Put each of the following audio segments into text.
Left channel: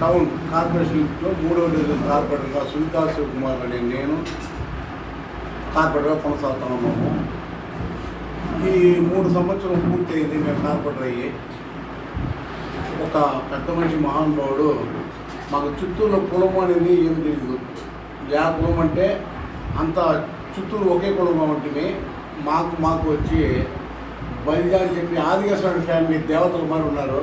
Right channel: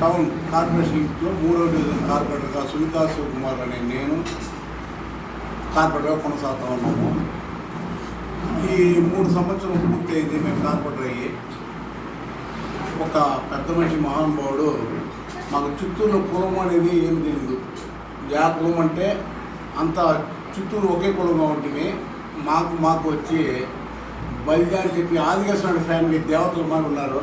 Town కార్పొరేషన్లో మూడవ division కార్పొరేటర్గా సునీతా శివకుమార్ అనే నేను కార్పొరేటర్గా కొనసాగుతా ఉన్నాము ఈ మూడు సంవత్సరం పూర్తయింది మేము కార్పొరేటర్ అయ్యి. ఒక పెద్ద మనిషి మహానుభావుడు మాకు చిత్తూరులో కులం అనేది ఏం తెలియదు యా కులం అంటే అంత చిత్తూరు ఒకే కులంగా ఉంటుంది మాకు మాకు వచ్చి బలిజా అని చెప్పి ఆదివాసీ ఫ్యామిలీ దేవతలు మరి ఉన్నారు.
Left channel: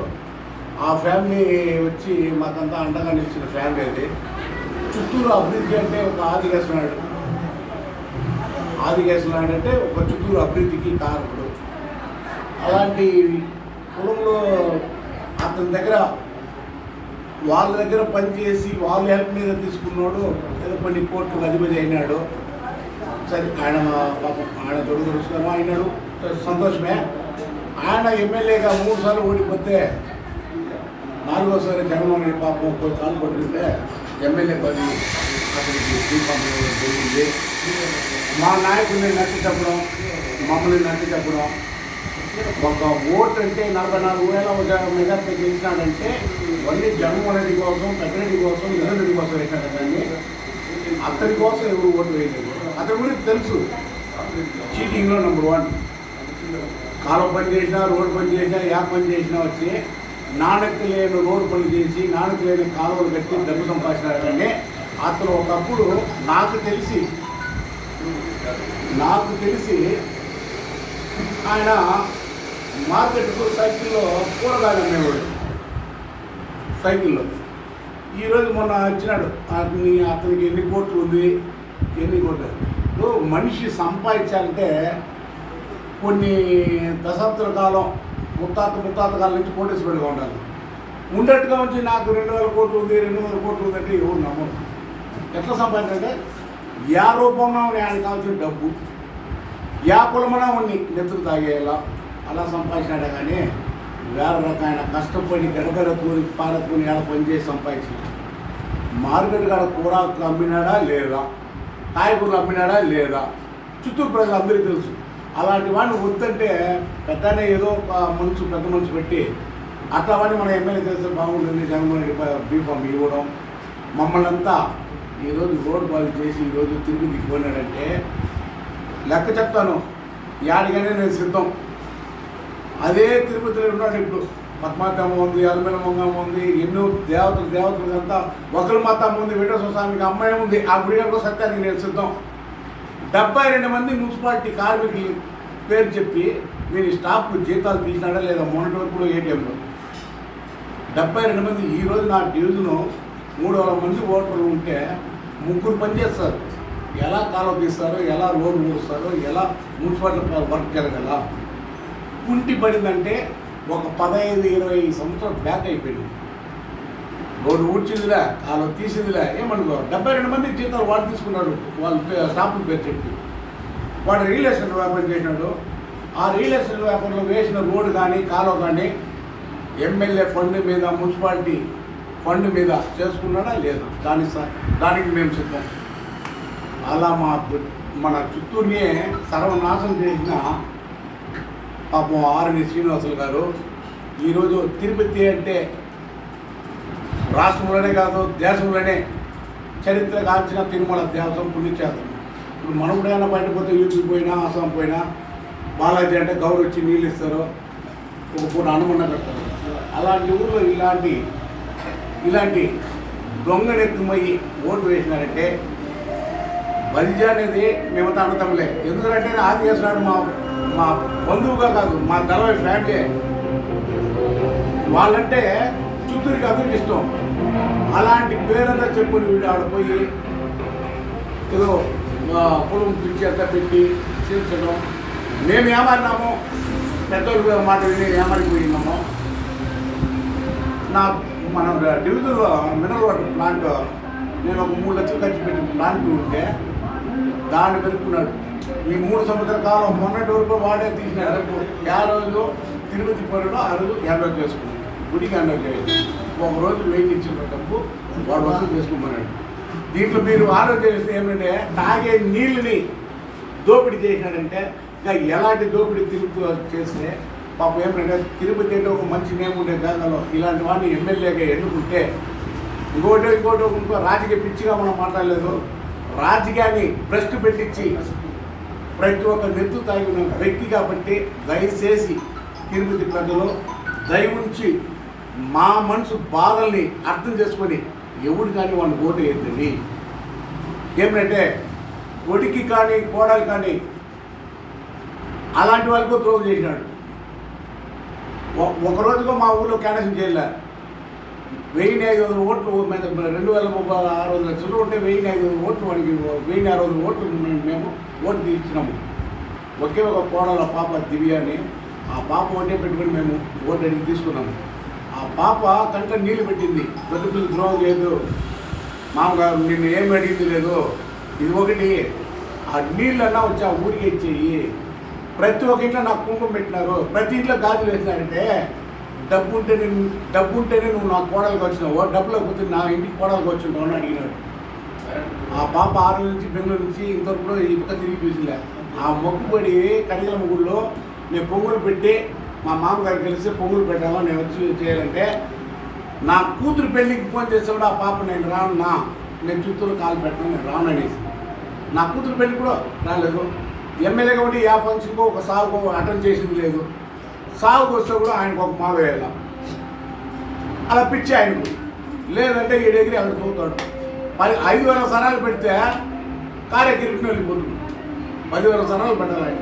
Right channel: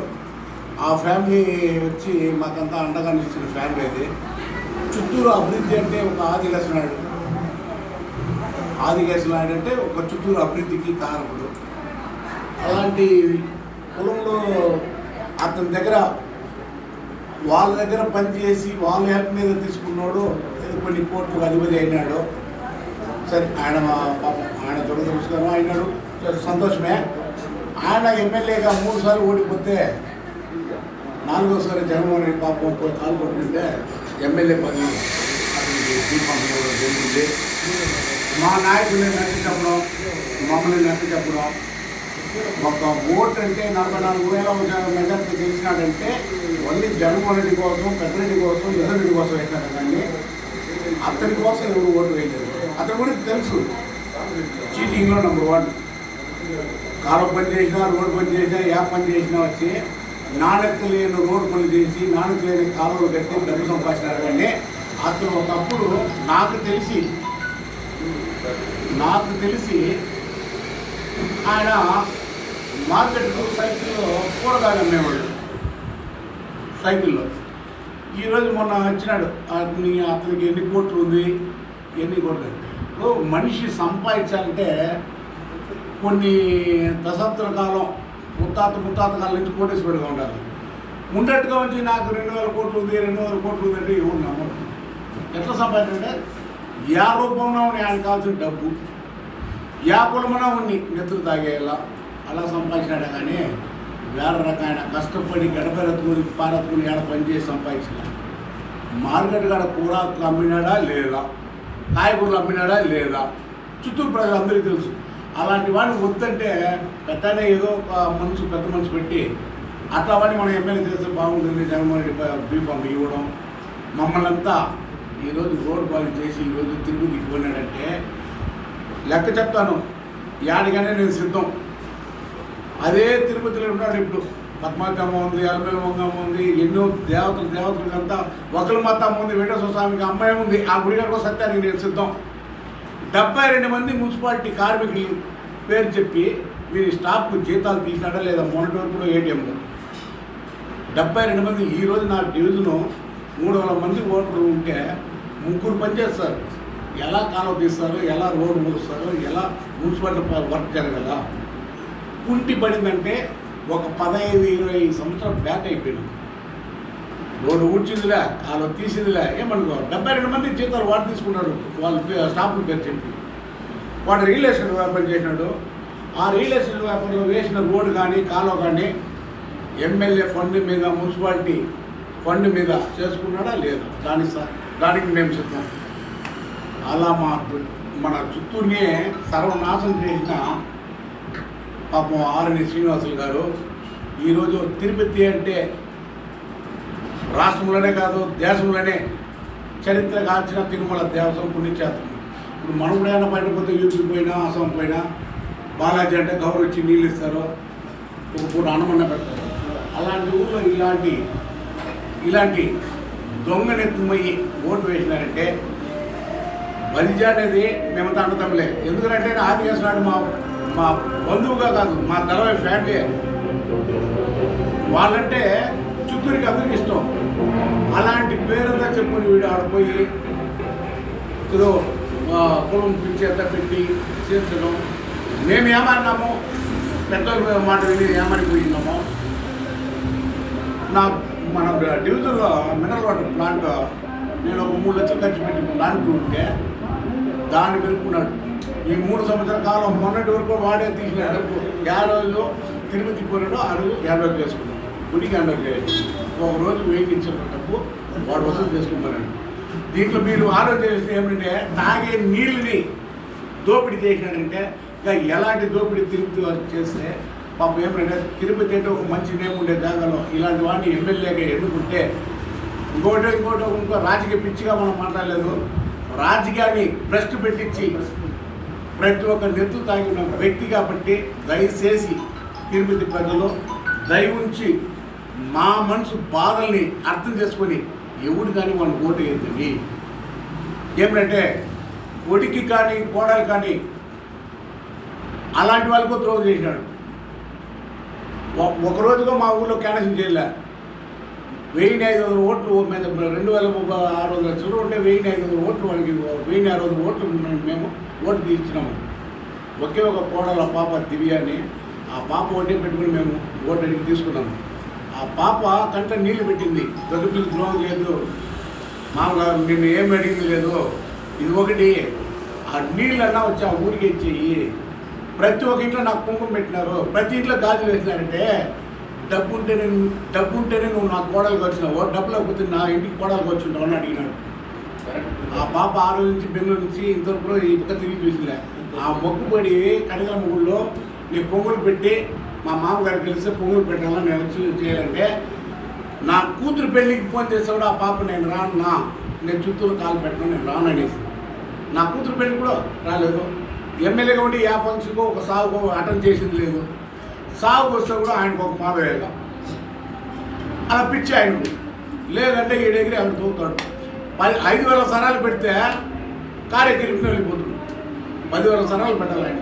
ఆ ఫ్యామిలీ వచ్చి మాకంతా అండగా నిలిచిన ఫ్యామిలీ అది. చిత్తూరు అభివృద్ధి అంటే ఒక ఆదివాసీ నాయుడు ఆదివాసీ నాయుడు అంటే ఒక చిత్తూరు అభివృద్ధికి కారకుడు. అలాంటి కులంలో అతని దగ్గర వాళ్ళ దగ్గర పనిచేసి వాళ్ళ హెల్ప్ మీద తీసుకున్నాడు. ఏదో కొన్ని కోట్లు అధిపతి అయినాడు. సరే ఆయన పాపం ఆయన దురదృష్టమో అయినాడు. సంతోషమే. ఆయన ఎమ్మెల్యేగా మూడు సార్లు ఓడిపోతే నాలుగోసారి జగన్మోహన్ రెడ్డి పాపం పోయి కాలు పట్టుకుంటే ఎమ్మెల్యే పని అతనికి దీపం జరిగింది. మా నాయకుల్ని నచ్చి చెప్పడం మమ్మల్ని నచ్చి చెప్పడం ఒక ఓట్ అంటే నలభై నాలుగు వేల మెజార్టీ గెలిచినాడంటే మళ్ళీ జగన్మోహన్ రెడ్డి కోసం పెద్దరెడ్డి కోసం ఎదురెడ్డి కోసం వేసినాడు కానీ అతని కోసం ఎవరు ఓటు వేయలేదు. అతని గురించి తెలుసు. చీటింగ్లో నెంబర్ వన్ కాలువ పని చేసినా రోడ్డు పని చేసినా యాప్ పని చేసినా వచ్చి నాణ్యత లేని రోడ్డు పని చేసి నాణ్యత లేని కాలువలు కట్టి డబ్బు సంపాదించినారు కానీ అతను ఒకప్పుడు నాకు తెలిసి నాకు తెలిసి ఆయన మార్కెట్కు సైకిల్లో కూరగాయలు అమ్మేవాడు. సైకిల్లో. ఈరోజు మొన్న వచ్చినాడు. అతని అతనికి ఎన్ని కోట్లు ఉంది? ఎన్ని కోట్లు? మనిషి సంపాదించాలంటే కొన్ని దశాబ్దాల కాలం ముత్తాత ముత్తాత కాలం నుంచి కోటేశ్వరుడిగా ఉండాలి. ఉండట్టుగా వచ్చి నాకు రెండు వేల కోట్లు ఉంది రెండు వేల కోట్లు ఉంది అంటే ఎవరు నమ్మరు. ఎట్లా అంటే యా రూపంలో ఆయన కావాల్సిన డబ్బు యా కులమున ఉండి నెత్తులు తాగేలా అలా సంపాదించినాడు కానీ వేరే రకమైన కష్టపడి గడపెరతుకుని పారతుకుని ఎలా పనిచేసి సంపాదించిన మార్కెట్ కాడ కూర అమ్మినాడా లేదా కాయగూరలు అమ్మినాడా లేదా చిత్తూరు ప్రజలు అందరికీ తెలుసు. అలాంటి వాడిని వద్దంటే పెట్టానే ఏదో ఒక మనసు పెద్ద మనసు పెట్టి అట్లా వాడిని మన ఎమ్మెల్యే చేస్తే బాగుంటుంది జగన్మోహన్ రెడ్డి ఇవ్వడం. మమ్మల్ని అంతా ఈరోజు రోడ్డు పాలు చేసి ఈరోజు తిరిగి దిగిపోయినాడంటే లెక్క చెప్తాను. యాడికనే నేను సిద్ధం. అదే తిరుపతిలో ఉన్నాడు ఇప్పుడు. పద్మాకమ్మ ఉంది అల్మేమమ్మ ఉంది ఎన్నో దేవతలు దేవతలు అంతా ఒకరి మాతమ్మ ఉంది వెంకటేశ్వర స్వామికి అమ్మాయి ఉంది. ఆ గుడి గారికి సత్యానికి నేను సిద్ధం. డెబ్బై రెండు మంది మున్సిపాలిటీ కార్మికులు పేరు చెప్పి మీరు స్టాఫ్కు జీతాలు తీసినాడా లేదా మొన్నటి వరకు కూడా ఏటీఎంలో? డెబ్బై రెండు మంది ఈరోజు నా డివిజను మూడు వందల మంది ఓటర్లు ఉంటే ముగ్గురు పనిచేస్తారు. ఎలా కాలం తీస్తారు? ఎలా రోడ్డు మూడుస్తారు ఎలా మున్సిపాలిటీ వర్క్ జరగల? కుంటి పడిందంటే ఒక పదహైదు ఇరవై సంవత్సరాలు బ్యాక్ అయిపోయినాం. రోడ్డు ఊడ్చిందిలే వాళ్ళు తీసిందిలే ఏమనుకో డెబ్బై రెండు మంది జీతాలు వాడు తీసుకున్నాడు వాళ్ళు పే- పేరు చెప్పి. వాడు రియల్ ఎస్టేట్ వ్యాపారం చేసినాడు. ఆ రియల్ ఎస్టేట్ వ్యాపారంలో వేసిన రోడ్డు కానీ కాలువ కానీ ఎమ్మెల్యే ఫండ్ మీద మున్సిపాలిటీ ఫండ్ మీద చేసుకున్నాడా లేదా. దాని దానికి మేము సిద్ధం. అలా మా మన చుట్టూనే సర్వనాశనం చేసిన పాపం ఆర్ని శ్రీనివాసులు గారు ఈరోజు తిరుపతి అంటే రాష్ట్రంలోనే కాదు దేశంలోనే చరిత్ర కాల్చిన తిరుమల దేవతం పుణ్యక్షేత్రం. ఇప్పుడు మనముడైనా కూడా బయట పోతే యూపీ పోయినా అస్సాం పోయినా బాలాజీ అంటే గౌరవ వచ్చి నీళ్ళు ఇస్తారు ఒక పూట అన్నమన్న పెడతారు. అలాంటి ఊళ్ళో ఇలాంటి ఇలాంటి దొంగనెత్తుమయ్యి ఓటు వేసినారంటే బలిజ అనేది మేము అన్నతమ్ములే ఎందుకంటే ఆది చేస్తున్నాడు మా మా బంధువుగా కాదు మా నలభై ఫ్యామిలీ. వాళ్ళంటే చిత్తూరుకి అందరికి ఇష్టం. అలాంటి పేరంతా చెప్పుని వీడు ఆడిపోయి ఏదో పొలం పిలిచి అంతా పెట్టి చేర్చడం. మేము ఏమన్నాము పెద్దలు మాట విని ఏమనిపోయినాము నా మన డివిజన్ మినరల్ వాటర్ ప్లాంట్ నేను ఒక మూడు లక్షలు ఖర్చు పెట్టి ప్లాంట్ ఉంటే దాన్ని పెరుకున్నాడు ఈ మూడు సంవత్సరాల కాలం మొన్నటి వరకు వాడే తీసిన డబ్బు యాభై రోజులు తిరుపతి పోయినాడు ఆ రోజు యాభై చేసుకున్నాడు గుడికి హండ్రెడ్ ఒక రోజు వెయ్యి ఇచ్చిన డబ్బు వాడు వసూలు చేసుకోమన్నాడు. దీంట్లో మీరు ఆలోచన ఏమంటే తాగే నీళ్ళని దోపిడీ చేసినాడంటే ఇంకా ఎలాంటి దోపిడీ తిరుపతి చేస్తే పాపం ఏమంటే తిరుపతి అంటే ఒక మంచి నేమ్ ఉండే జాగాలో ఇలాంటి వాడిని ఎమ్మెల్యేగా ఎన్నుకుంటే ఇంకోటి ఇంకోటి ఇంకో రాజకీయ పిచ్చిగా మనం మాట్లాడలేదు. రాజకీయాన్ని భ్రష్టు పెట్టించి ప్రతి ఒక్క నెత్తు తాగిన వ్యక్తి కాబట్టి దయచేసి తిరుపతి ప్రజలు దయ ఉంచి మా మనసు బాధల్ని అర్థం చేసుకొని ఎవడు కానీ వాడిని ఓటు వేయండి ఏమిటంటే ఒడికి కానీ కోడలు కానీ అలాంటి వాళ్ళకు త్రోవ చేసినాడు. ఒక రోజుగా మా ఊళ్ళో క్యాన్సల్ చేయలే. వెయ్యి ఐదు వందల ఓట్లు మీద రెండు వేల ముప్పై ఆరు వందల లక్షలు ఉంటే వెయ్యి ఐదు వందల ఓట్లు మనకి వెయ్యి ఆరు వందల ఓట్లు మేము- ఓట్లు ఓటు తీసినాము ఒకే ఒక కోడల పాప దివ్య అని ఆ పాప వడ్డే పెట్టుకుని మేము ఓటు అడిగి తీసుకున్నాము. పాప కంట నీళ్ళు పెట్టింది. పెద్ద ద్రోహం చేయదు. మామగారు నిన్ను ఏం అడిగింది లేదు ఇది ఒకటి. ఆ నీళ్ళన్నా వచ్చి ఆ ఊరికి ఇచ్చేయి. ప్రతి ఒక్క ఇంట్లో నాకు కుంకుమ పెట్టినారు. ప్రతి ఇంట్లో గాజులు వేసినారంటే డబ్బు ఉంటే డబ్బు ఉంటేనే నువ్వు నా కోడలకు వచ్చినావు డబ్బు లేకపోతే నా ఇంటికి కోడలకు వచ్చింటావు అని అడిగినాడు. ఆ పాప ఆ రోజు నుంచి బెంగళూరు నుంచి ఇంతవరకు ఈ పక్క తిరిగి చూసిలే ఆ మొక్కుబడి కడిగల ముగ్గుల్లో నేను కొంగులు పెట్టి మా మామగారికి కలిసి పొంగులు పెట్టాలని నేను వచ్చి చేయాలంటే నా కూతురు పెళ్ళికి ఫోన్ చేసేవాడు ఆ పాప నేను రాను నా నేను చిత్తూరు కాలు పెట్టను నేను రాను అనేసి. నా కూతురు పెళ్ళి కూడా రాలేదు. ఎమ్మెల్యేగా ఉండి యా ఫంక్షన్కో ఒక సాగుకో అటెండ్ చేసింది లేదు. సాగుకు వస్తే కూడా ఆయనకు ఒక మాట వెళ్ళాం అలా పిచ్చి ఆయనకు. లేదంటే ఏడెగిరి అక్కడ తోతాడు పది ఐదు వేల సరాలు పెడితే కార్యక్రమం వెళ్ళిపోతుంది. పదివేల సరాలు పెట్టాలి ఆయన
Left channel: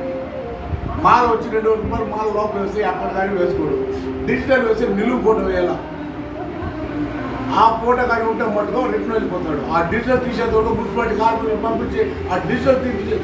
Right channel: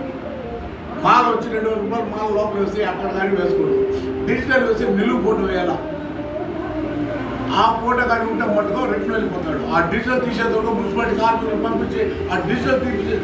మాల వచ్చి రెండు రూపాయలు మాల లోపల వేసి అక్కడ కానీ వేసుకోడు. డిజిటల్ వేసి నిలువు ఫోటో వేయాల. ఆ ఫోటో కానీ ఉంటే మటుకు రిటర్న్ వెళ్ళిపోతాడు. ఆ డిజిటల్ తీసేందుకు మున్సిపాలిటీ కార్మికులు పంపించి ఆ డిజిటల్ తీసి